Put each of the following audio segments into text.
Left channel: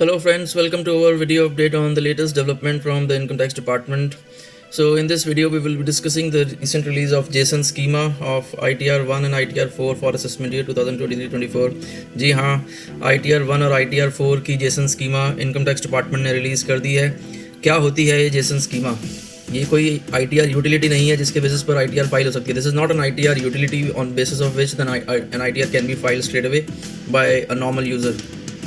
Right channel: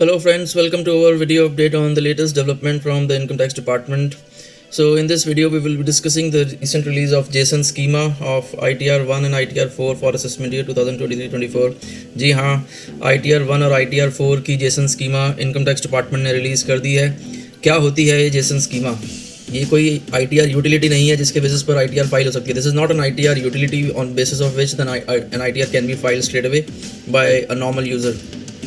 Hello friends, welcome to our video update on the latest development from the Income Tax Department. So in this video we will be discussing the recent release of JSON Schema of ITR-1 and ITR-4 for assessment year 2023-24. जी हाँ, ITR-1 और ITR-4 की JSON Schema Income Tax Department ने release कर दी है. क्या होती है ये JSON Schema? ये कोई ITR यूटिलिटी नहीं है जिसके बेसिस पर ITR फाइल हो सकती है. This is not an ITR utility on basis of which an ITR can be filed straight away by a normal user.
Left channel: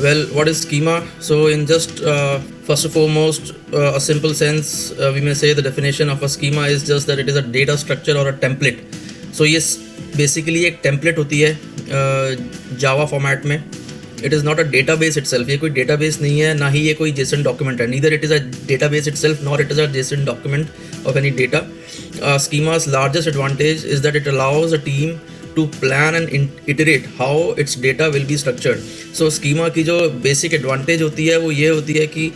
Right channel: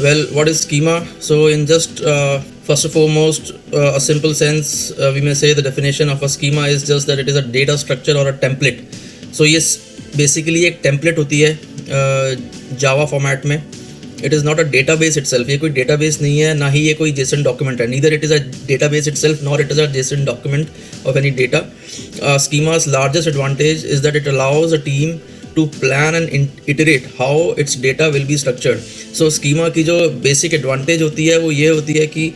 Well, what is schema? So in just first and foremost, a simple sense, we may say the definition of a schema is just that it is a data structure or a template. So yes, basically एक template होती है Java format में. It is not a database itself. ये कोई database नहीं है, ना ही ये कोई JSON document है. Neither it is a database itself, nor it is a JSON document of any data. Schema's largest advantage is that it allows a team to plan and iterate how its data will be structured. So schema की जो basic advantage होती है वो ये होती है कि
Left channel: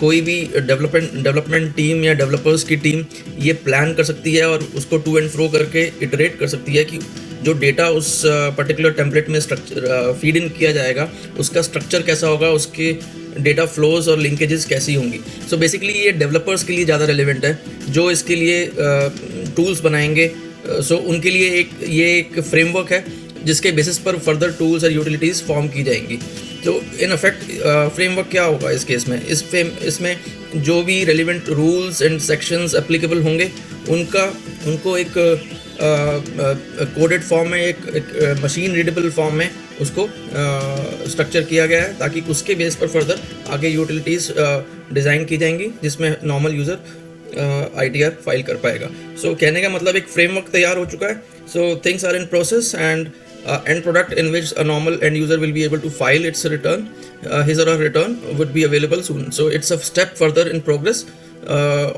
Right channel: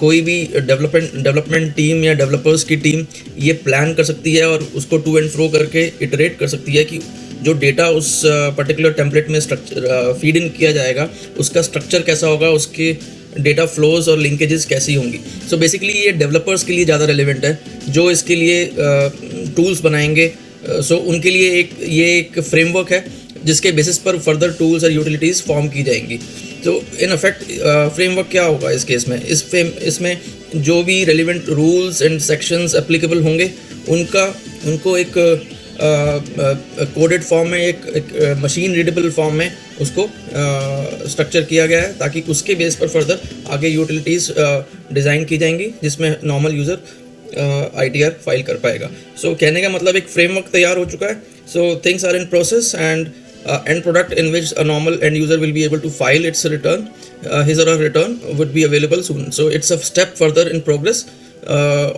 कोई भी डेवलपमेंट टीम या डेवलपर्स की टीम ये प्लान कर सकती है और उसको टू एंड फ्रो करके इटरेट कर सकती है कि जो डेटा उस पर्टिकुलर टेम्पलेट में फीड इन किया जाएगा उसका स्ट्रक्चर कैसा होगा, उसकी डेटा फ्लोज और लिंकेजेस कैसी होंगी. सो बेसिकली ये डेवलपर्स के लिए ज़्यादा रेलिवेंट है जो इसके लिए टूल्स बनाएंगे. सो उनके लिए ये एक फ्रेमवर्क है जिसके बेसिस पर फर्दर टूल्स और यूटिलिटीज़ फॉर्म की जाएंगी. तो इन इफेक्ट फ्रेमवर्क क्या होगा इस केस में? इसमें जो भी relevant rules and sections applicable होंगे उनको एक कोडेड फॉर्म में एक मशीन रीडेबल फॉर्म में उसको स्ट्रक्चर किया गया है ताकि उसके बेस पर फर्दर आगे यूटिलिटीज़ डिज़ाइन की जाएंगी जिसमें नॉर्मल यूज़र ITR फाइल कर पाएगा. सो कहने का मतलब एक फ्रेमवर्क तैयार हो चुका है. So things are in process and end product in which a normal end user will be able to file its return, his or her return would be available soon. So it's a step further in progress.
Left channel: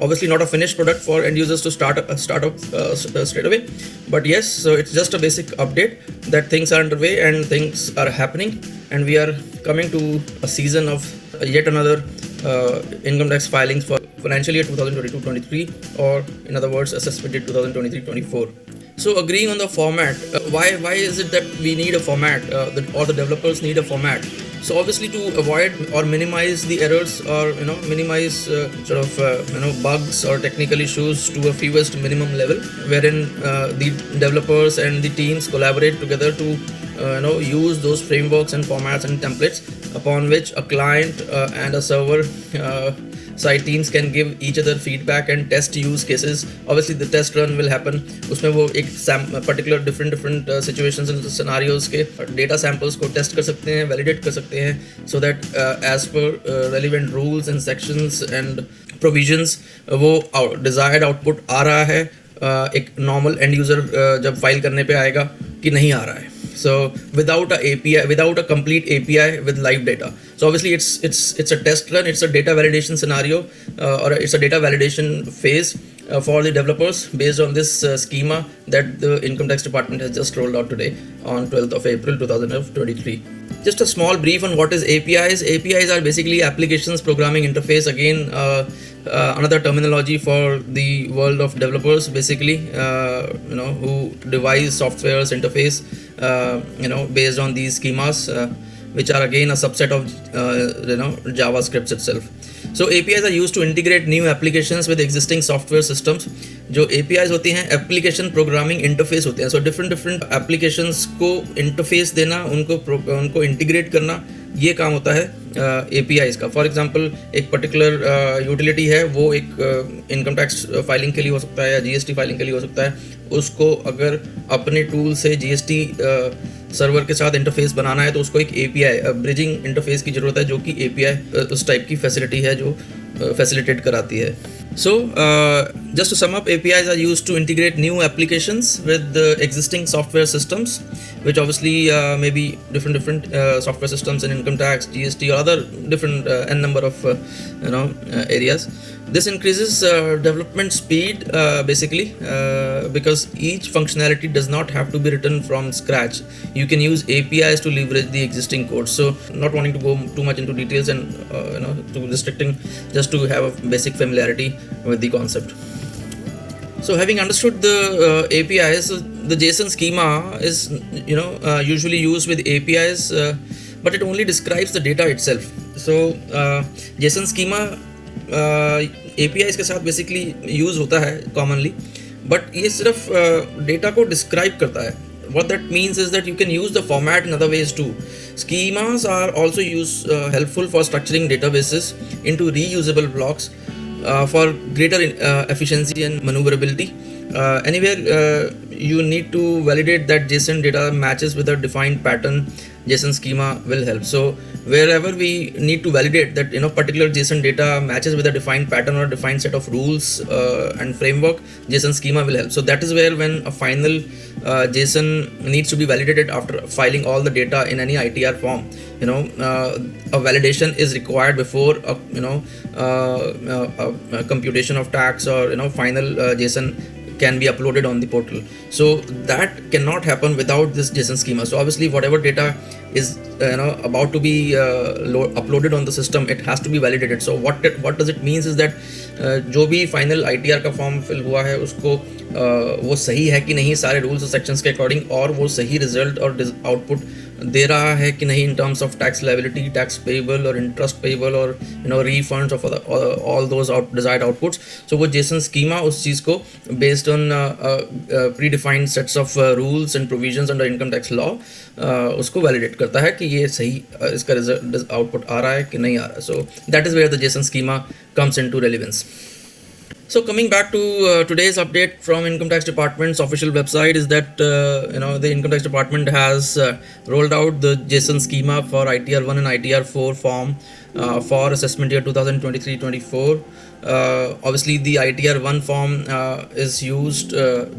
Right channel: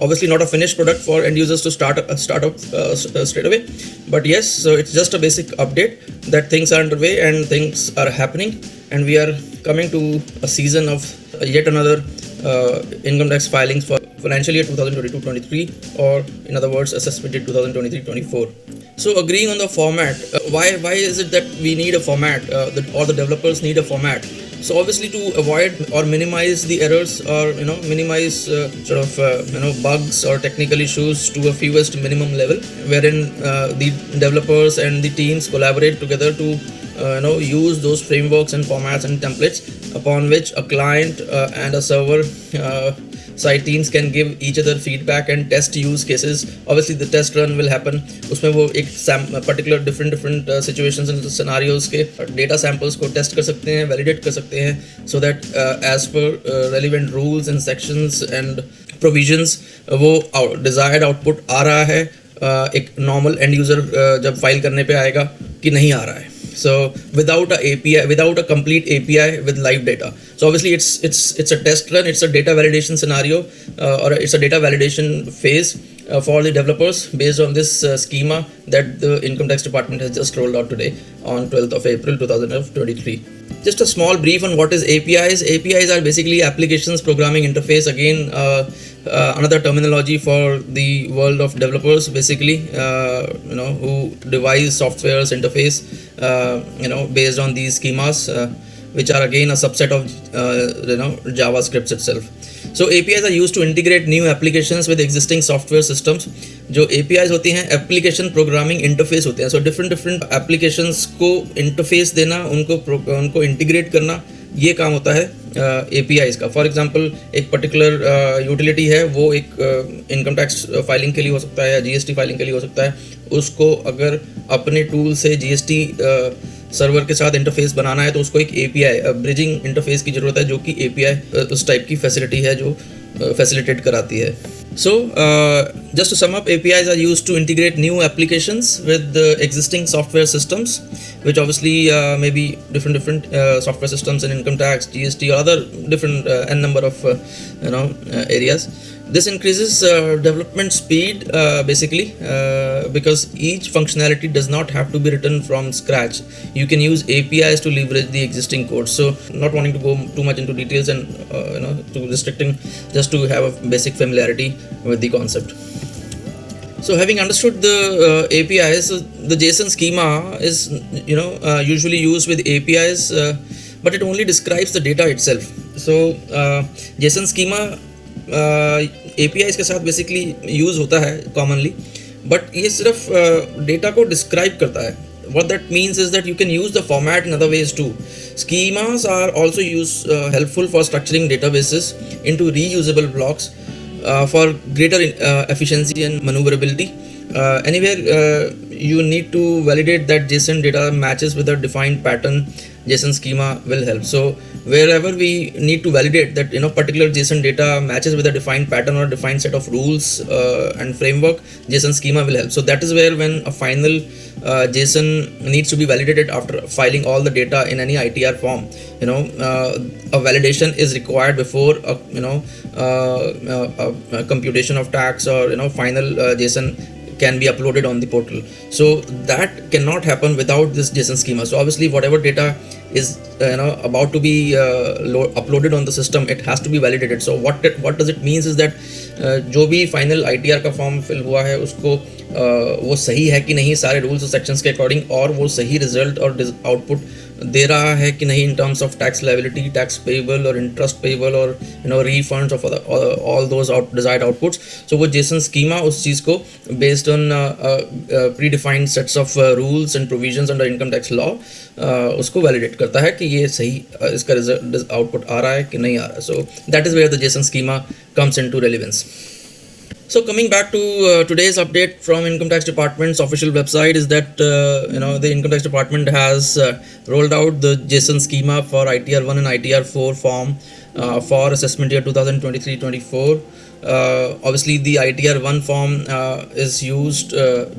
Obviously not a finished product for end users to start up straight away, but yes, so it's just a basic update that things are underway and things are happening, and we are coming to a season of yet another income tax filings for financial year 2022-23, or in other words assessment year 2023-24. So agreeing on the format, why is it that we need a format, or the developers need a format? So obviously to avoid or minimize the errors, or minimize bugs or technical issues to a fewest minimum level, wherein the developers and the teams collaborate together to use those frameworks and formats and templates upon which a client and a server side teams can give each other feedback and test use cases. Obviously the test run will happen. उसमें वो एक particular different situations and scenarios के data samples को test कर सकते हैं, validate कर सकते हैं, so that as per relevant rules and sections and provisions वो desired output आ रहा है एक normal end user जब file करने पे आएगा कि नहीं आ रहा है. So without a complete API with live data. So obviously it's a test run, it's a data validation scenario, or it's a data validation phase for the developers based on this schema that the Income Tax Department has just rolled out today on 12th of April 2023. Just a small brief on what is APIs. APIs are basically applications programming interface. Again, another terminology for the world of developers, basically, who devise software's interface, based on these schemas, which are again a subset of, JavaScript itself. So APIs are used to integrate new applications with existing software systems. जो APIs होती हैं application programming interface होते हैं. So different applications को interface देना, उनको integrate करना, ये काम होता है APIs का. फॉर एग्जांपल एक पर्टिकुलर यूटिलिटी है, वो एक इनकम टैक्स फाइलिंग के लिए हो सकता है या GST फाइलिंग के लिए हो सकता है. उसको अगर अपने टूल से GST सर्वर के साथ इंटरफेस बनाना है तो उसको एक API ब्रिजिंग इंटरफेस की ज़रूरत है, जो कि API उस टाइप की फैसिलिटी है जो फैसिलिटेट कराती है. So just to sum up, APIs are used to integrate new applications with existing software systems, which obviously may be different software systems in income tax, GST, or other different n number of areas. This increases development speed basically because each functionality does not have to be written from scratch. You can use APIs to leverage the existing code. So not wanting to go too much into details and too restricting, just to have a basic familiarity with the concept. So having understood the APIs, the JSON schema is usually used with APIs, but it only describes the data itself. So JSON schema APIs के साथ basically use होता है commonly, but ये सिर्फ data को describe करता है. What that means is that you can use the format in other ways too. Schemas are also helpful for structuring databases into reusable blocks for greater efficiency and maneuverability. Anywhere you need to validate that JSON data matches with a defined pattern, JSON schema will help. So wherever we need to validate that particular JSON data matches with a defined pattern or a defined set of rules and framework, JSON schema will help. So that is where when a final JSON needs to be validated after filing all the data in any ITR form, a validation is required before a computation of tax or final JSON can be uploaded on the portal. So that cannot happen without this JSON schema. So obviously whatever data is about to be uploaded on the system, it has to be validated. So what does it means is that जो भी final ITR का form fill हुआ है उसको वो सही है कि नहीं सारे रूल्स और सेक्शंस के अकॉर्डिंग, और वो सही रिजल्ट और आउटपुट दे रहा है कि नहीं in terms of tax liability, tax payable और इंटरेस्ट पेएबल और refunds of all those desired outputs. So वो जेसन स्कीमा उस चीज़ को based on predefined sets of rules and provisions under income tax law उसको validate करता है कि ये सही इसका रिजल्ट आउटपुट आ रहा है कि नहीं आ रहा है. So that is where the JSON schema comes into relevance. So coming back to today's update from Income Tax Department's official website is that the Income Tax Department has rolled out the JSON schema for ITR-1 and ITR-4 form for assessment year 2023-24. Obviously the ITR-1 form is used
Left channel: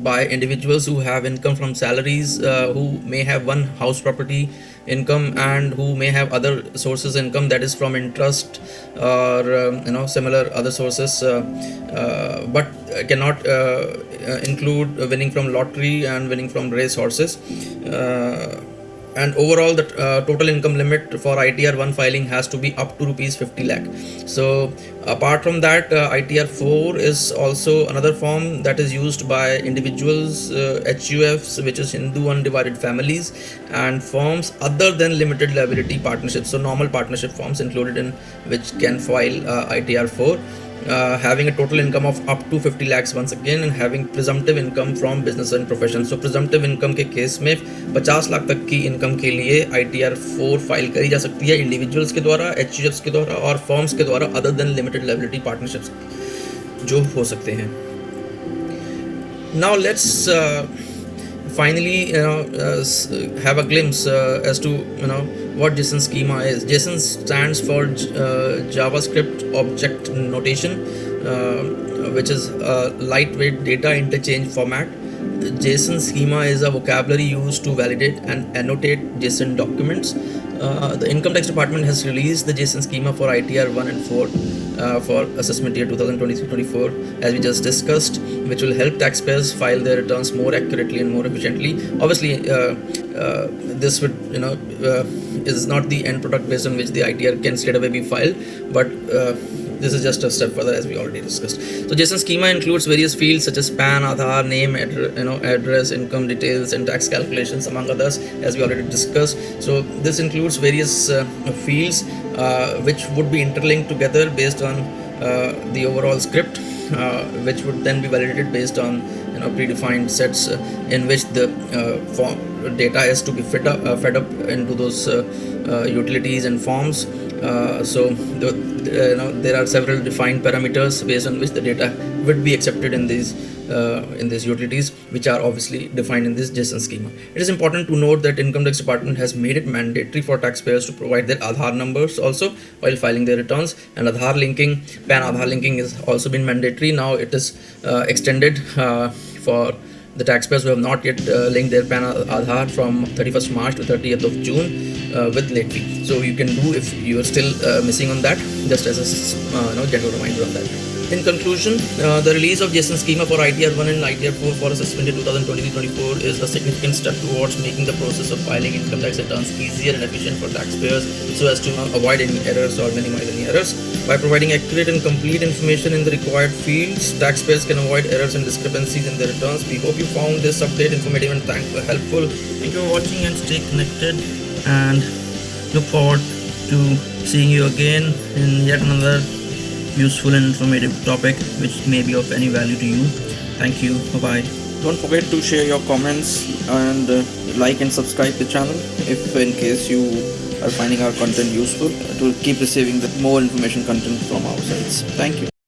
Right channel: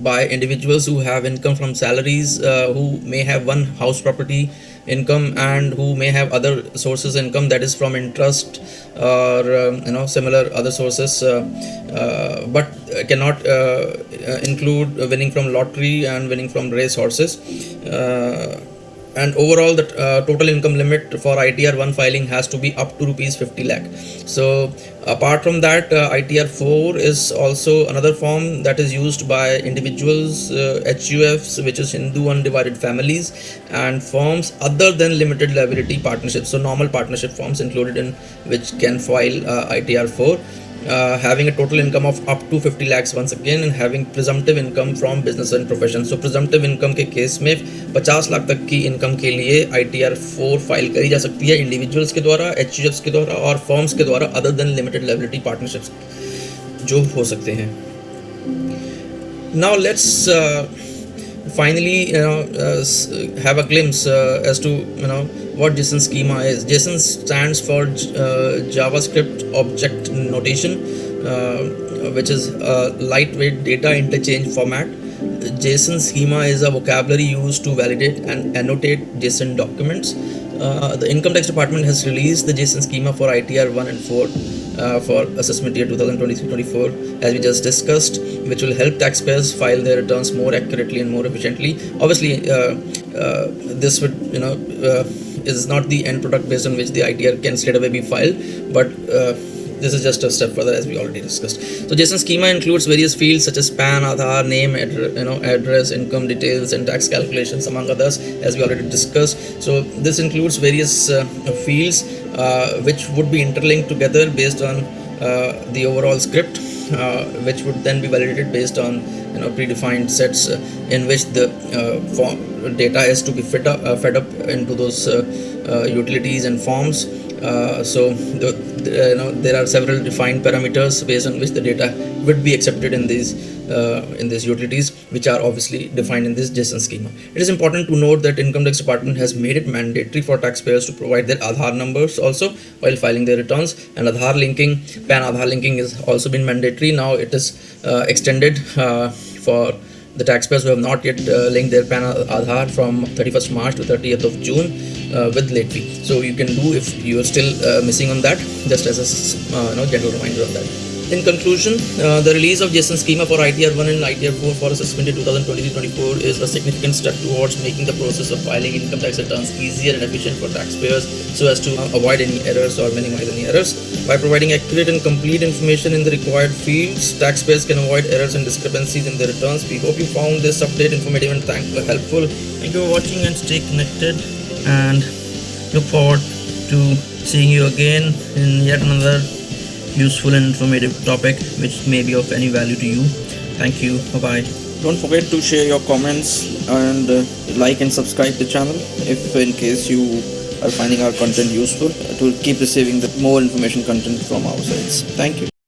by individuals who have income from salaries, who may have one house property income and who may have other sources income, that is from interest or similar other sources, but cannot include winning from lottery and winning from race horses. And overall the total income limit for ITR-1 filing has to be up to rupees 50 lakh. So apart from that, ITR-4 is also another form that is used by individuals, HUFs, which is Hindu undivided families, and forms other than limited liability partnerships, so normal partnership forms included in which can file ITR-4. Having a total income of up to 50 lakhs once again, and having presumptive income from business and profession. So presumptive income के case में 50 लाख तक की income के लिए ITR-4 file करी जा सकती है इंडिविजुअल्स के द्वारा, HUFs के द्वारा और फर्म्स के द्वारा other than limited liability partnerships जो हो सकते हैं. Now let's finally have a glimpse as to what JSON schema is. JSON stands for JavaScript Object Notation, which is a lightweight data interchange format. JSON schema is a vocabulary used to validate and annotate JSON documents. The Income Tax Department has released the JSON schema for ITR-1 and 4 for assessment year 2023-24, as we just discussed, which will help taxpayers file their returns more accurately and more efficiently. Obviously, this would is not the end product based on which the ITR can straight away be filed, but this is just a step further, as we already discussed. So JSON schema includes various fields such as PAN-Aadhaar, name, address, income details, and tax calculations, among others, as we already discussed. So this includes various fields which would be interlinked together based on the overall script, which would then be validated based on predefined sets in which the data is to be fed up into those utilities and forms. So there are several defined parameters based on which the data would be accepted in these utilities, which are obviously defined in this JSON schema. It is important to note that Income Tax Department has made it mandatory for taxpayers to provide their Aadhaar numbers also while filing their returns, and Aadhaar linking, PAN-Aadhaar linking has also been mandatory. Now it is extended for the taxpayers who have not yet linked their PAN-Aadhaar from 31st March to 30th of June with late fee. So you can do if you are still missing on that, just as a general reminder on that. In conclusion, the release of JSON schema for ITR-1 and ITR-4 for assessment in 2023-24 is a significant step towards making the process of filing income tax returns easier and efficient for taxpayers, so as to avoid any errors or minimize any errors. By providing accurate and complete information in the required fields, taxpayers can avoid errors and discrepancies in their returns. We hope you found this update informative and helpful. Thank you for watching, and stay connected, and look forward to seeing you again in yet another useful and informative topic which may be of any value to you. Thank you. Bye. Don't forget to share your comments and like and subscribe the channel if in case you are finding our content useful to keep receiving the more information content from our sites. Thank you.